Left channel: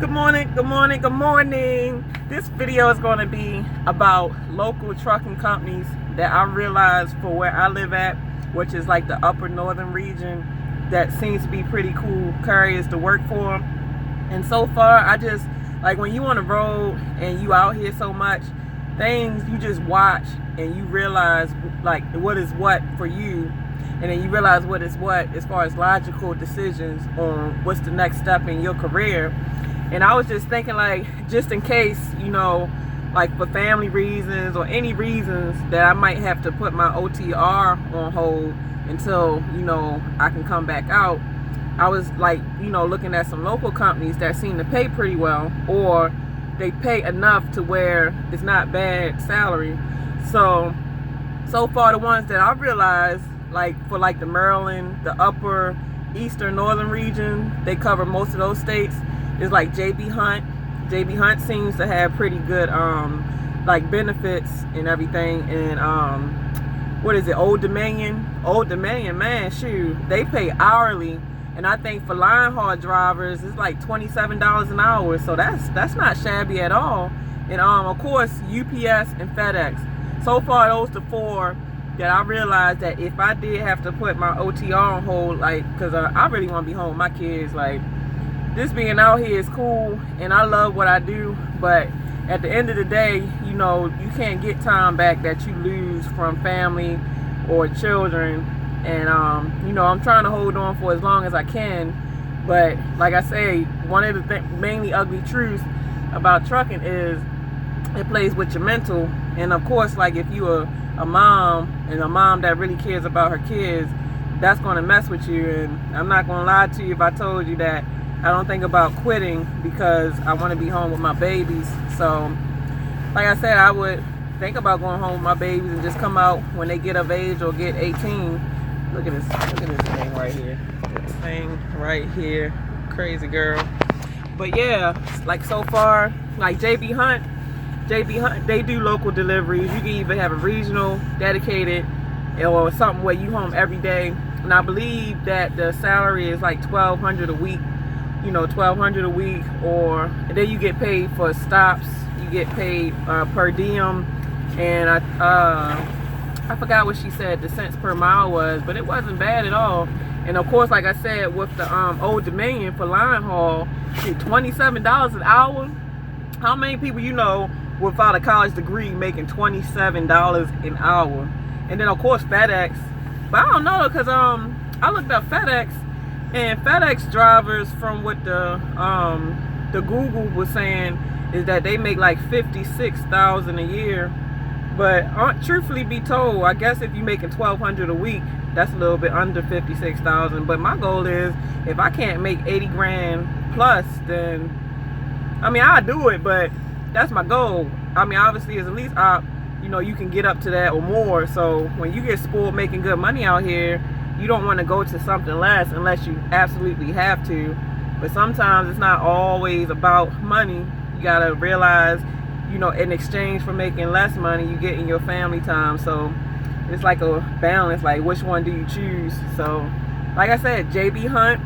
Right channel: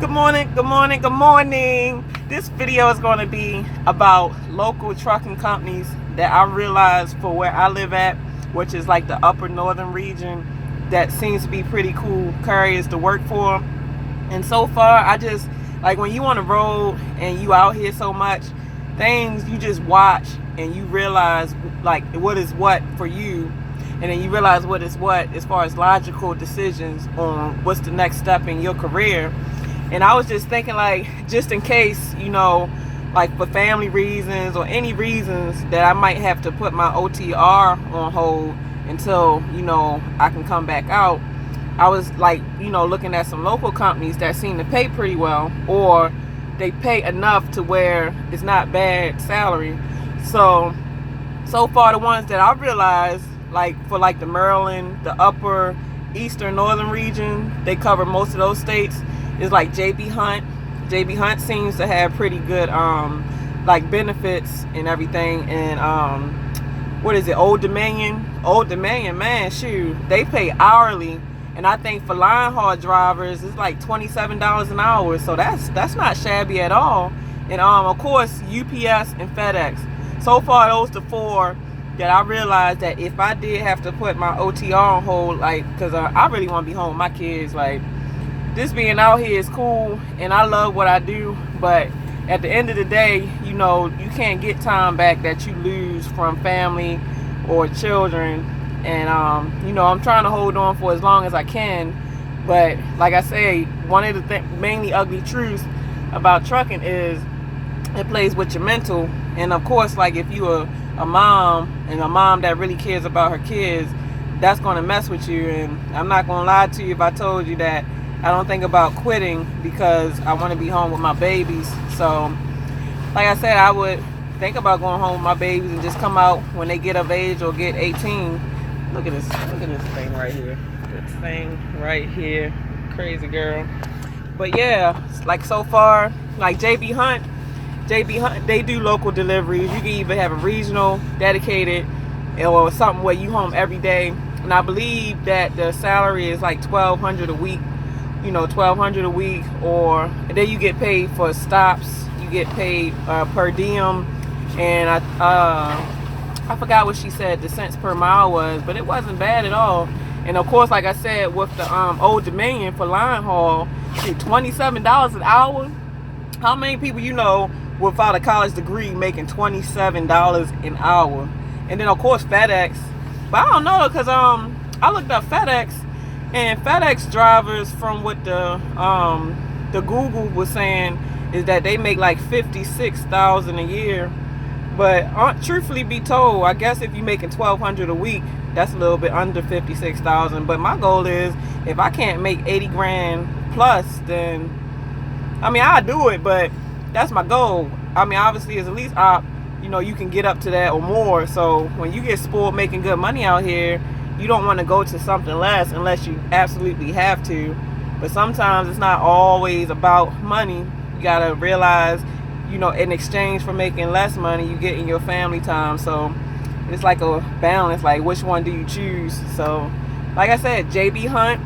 Good morning, good morning, good morning. This video is going to be about local trucking companies that I realize for where I live at, which is like the upper northern region, that seems to be pretty cool carriers to work for. And so far, I just, like when you on the road and you out here so much, things you just watch and you realize like what is what for you, and then you realize what is what as far as logical decisions on what's the next step in your career. And I was just thinking, like, just in case, like for family reasons or any reasons that I might have to put my OTR on hold until, I can come back out. I was like, looking at some local companies that seem to pay pretty well, or they pay enough to where it's not bad salary. So far the ones that I realized, like for like the Maryland, the upper eastern northern region, they cover most of those states, is like JB Hunt. JB Hunt seems to have pretty good like benefits and everything. And what is it, Old Dominion? Old Dominion, man, shoot, they pay hourly. And I think for line haul drivers, it's like $27 an hour. So that's not shabby at all. And of course, UPS and FedEx. So far, those the four that I realized that if I did have to put my OTR on hold, like, because I really want to be home with my kids, like, this being out here is cool, and I love what I do, but at the end of the day, you can't get time back that you lose from family or children. And I'm trying to hold on for as long as I can. But like I say, one of the mainly ugly truths about trucking is it plays with your mental. And of course, like if you're a mom, and a mom that really cares about her kids, that's going to mess with you. And I'm not going to lie to you if I told you that I don't think about quitting because I want to be home with my babies. So like I said, I would think about going home with my babies and just come out when they get of age or get 18. Look at this thing right here. This thing right here. Crazy girl. But yeah, like so far, like JB Hunt, they do local deliveries. You can even have a regional dedicated or something where you home every day. And I believe that the salary is like $1,200 a week. $1,200 a week, and then you get paid for stops. You get paid per diem. And I forgot what she said the cents per mile was, but it wasn't bad at all. And of course, like I said, with the Old Dominion for line haul, $27 an hour. How many people without a college degree making $27 an hour? And then of course FedEx, but I don't know, because I looked up FedEx, and FedEx drivers, from what the Google was saying, is that they make like $56,000 a year. But truthfully be told, I guess if you're making $1,200 a week, that's a little bit under $56,000. But my goal is, if I can't make 80 grand plus, then I'll do it. But that's my goal. Obviously, as at least you can get up to that or more. So when you get spoiled making good money out here, you don't want to go to something less unless you absolutely have to. But sometimes it's not always about money. You gotta realize, in exchange for making less money, you get in your family time. So it's like a balance, like which one do you choose? So like I said, JB Hunt,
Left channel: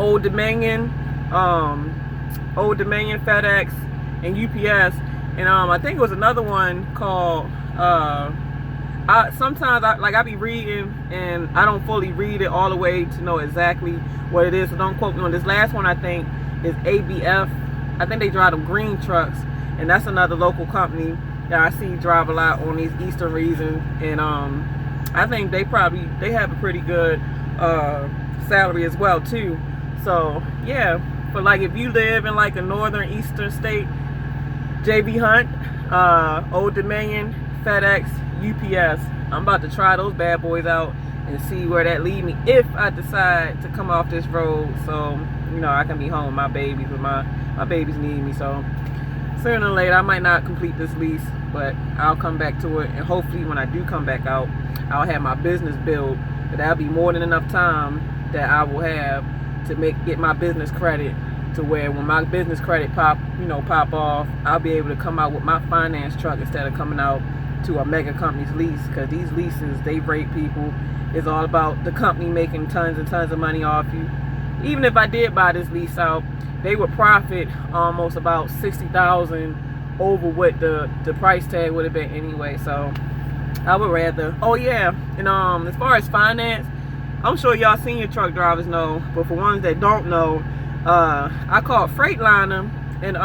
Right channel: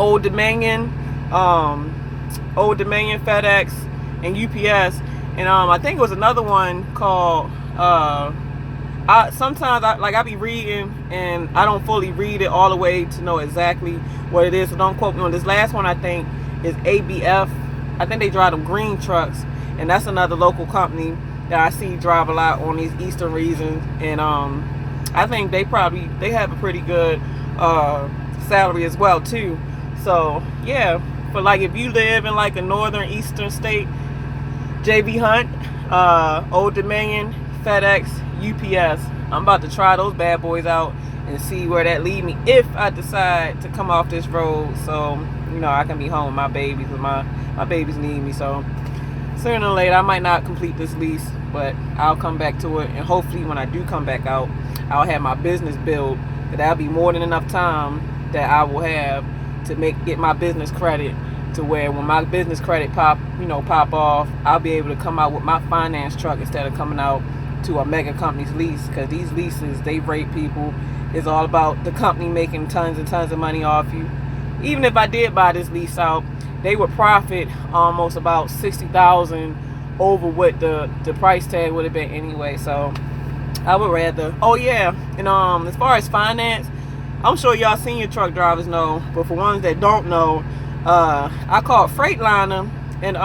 Old Dominion, FedEx, and UPS. And I think it was another one called sometimes I be reading and I don't fully read it all the way to know exactly what it is, so don't quote me on this. Last one I think is ABF. I think they drive them green trucks, and that's another local company that I see drive a lot on these eastern regions. And I think they have a pretty good salary as well too. So yeah, but like if you live in like a northern eastern state, JB Hunt, Old Dominion, FedEx, UPS. I'm about to try those bad boys out and see where that lead me if I decide to come off this road, so I can be home with my babies. With my babies need me. So sooner or later I might not complete this lease, but I'll come back to it. And hopefully when I do come back out, I'll have my business built. That'll be more than enough time that I will have to get my business credit, to where when my business credit pop off, I'll be able to come out with my finance truck instead of coming out to a mega company's lease. Because these leases, they rape people. It's all about the company making tons and tons of money off you. Even if I did buy this lease out, they would profit almost about $60,000 over what the price tag would have been anyway. So I would rather. Oh yeah, and as far as finance, I'm sure y'all senior truck drivers know, but for ones that don't know, I called Freightliner, and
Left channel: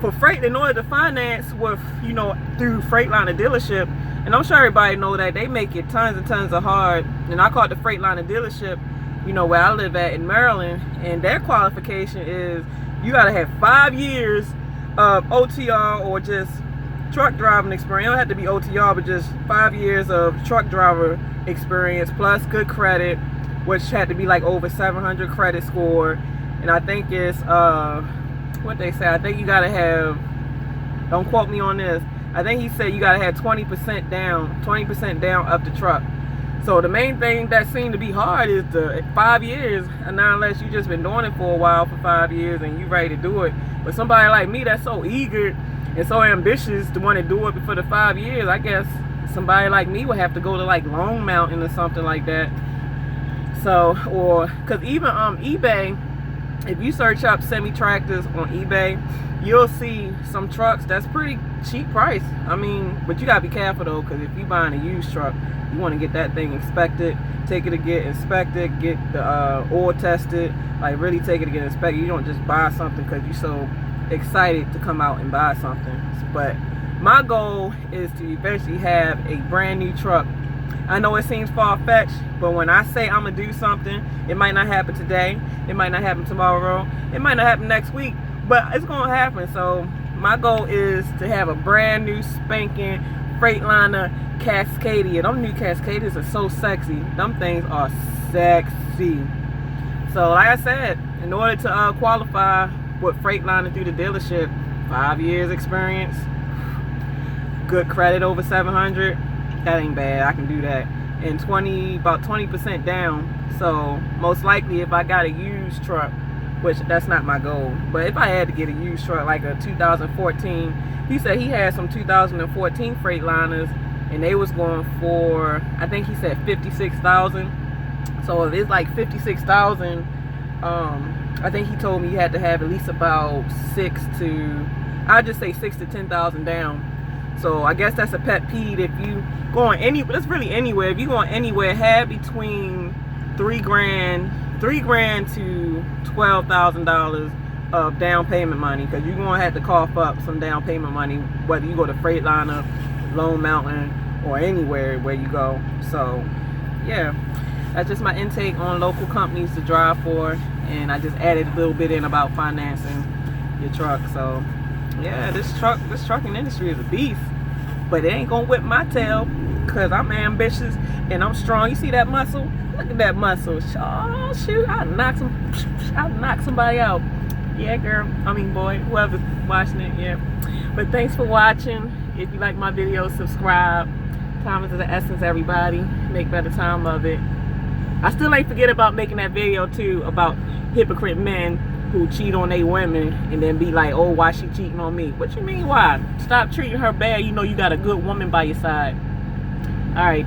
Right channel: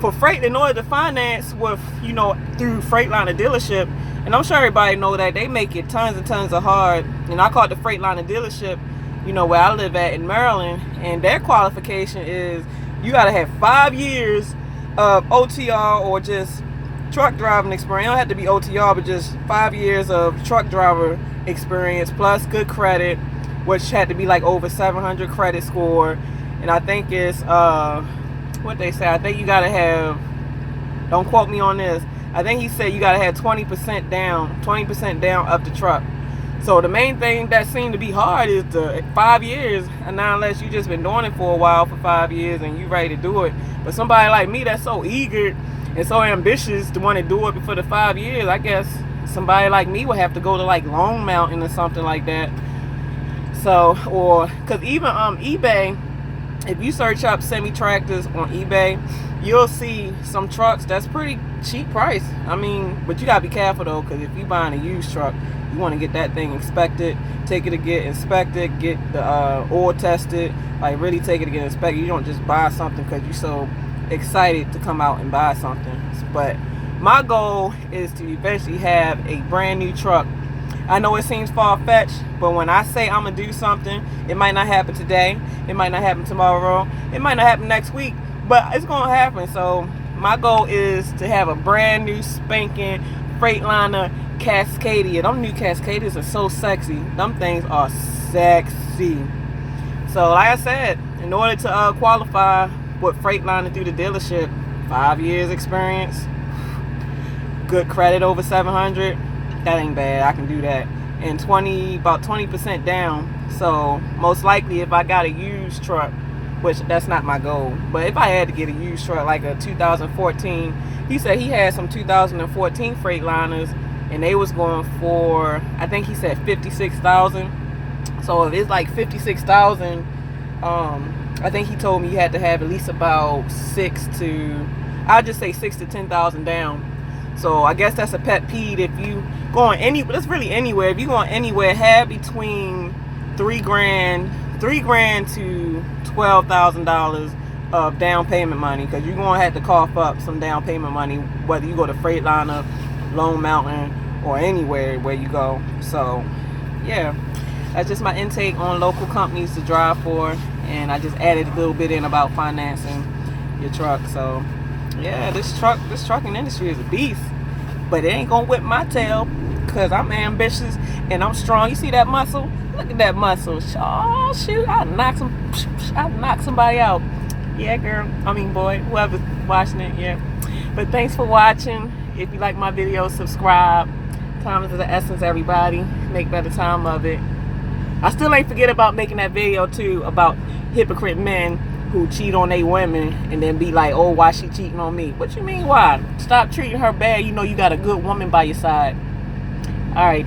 for freight, in order to finance with, you know, through Freightliner dealership, and I'm sure everybody know that they make it tons and tons of hard. And I called the Freightliner dealership, you know, where I live at in Maryland, and their qualification is you gotta have 5 years of OTR or just truck driving experience. It don't have to be OTR, but just 5 years of truck driver experience plus good credit, which had to be like over 700 credit score. And I think it's what they say, I think you gotta have, don't quote me on this, I think he said you gotta have 20% down of the truck. So the main thing that seemed to be hard is the 5 years, and not unless you just been doing it for a while for 5 years and you ready to do it. But somebody like me that's so eager and so ambitious to want to do it before the 5 years, I guess somebody like me would have to go to like Long Mountain or something like that. So, or because even eBay, if you search up semi-tractors on eBay, you'll see some trucks that's pretty cheap price. I mean, but you gotta be careful though, because if you buying a used truck, you want to get that thing inspected, take it to get inspected, get the oil tested, like really take it to get inspected. You don't just buy something because you're so excited to come out and buy something. But my goal is to eventually have a brand new truck. I know it seems far-fetched, but when I say I'm gonna do something, it might not happen today, it might not happen tomorrow, it might not happen next week, but it's gonna happen. So my goal is to have a brand new spanking Freightliner Cascadia. Them new Cascadias are so sexy. Them things are sexy. So like I said, in order to qualify with Freightliner through the dealership, 5 years experience, good credit over 700, that ain't bad. I can do that. And about 20% down. So most likely if I got a used truck, which that's not my goal, but if I had to get a used truck like a 2014, he said he had some 2014 Freightliners and they was going for, I think he said 56,000. So if it's like 56,000, I think he told me you had to have at least about I'd just say 6 to 10,000 down. So I guess that's a pet peeve. If you going that's really anywhere. If you going anywhere, have between $3,000 to $12,000 of down payment money, because you're gonna have to cough up some down payment money, whether you go to Freightliner, Long Mountain, or anywhere where you go. So yeah, that's just my intake on local companies to drive for, and I just added a little bit in about financing your truck. So yeah, this trucking industry is a beast, but it ain't gonna whip my tail because I'm ambitious and I'm strong. You see that muscle? Look at that muscle. Oh shoot, I'll knock somebody out. Yeah, girl. I mean, boy, whoever's watching it, yeah. But thanks for watching. If you like my videos, subscribe. Time is of the essence, everybody. Make better time of it. I still ain't forget about making that video too about hypocrite men who cheat on their women and then be like, oh, why she cheating on me? What you mean why? Stop treating her bad. You know you got a good woman by your side. All right.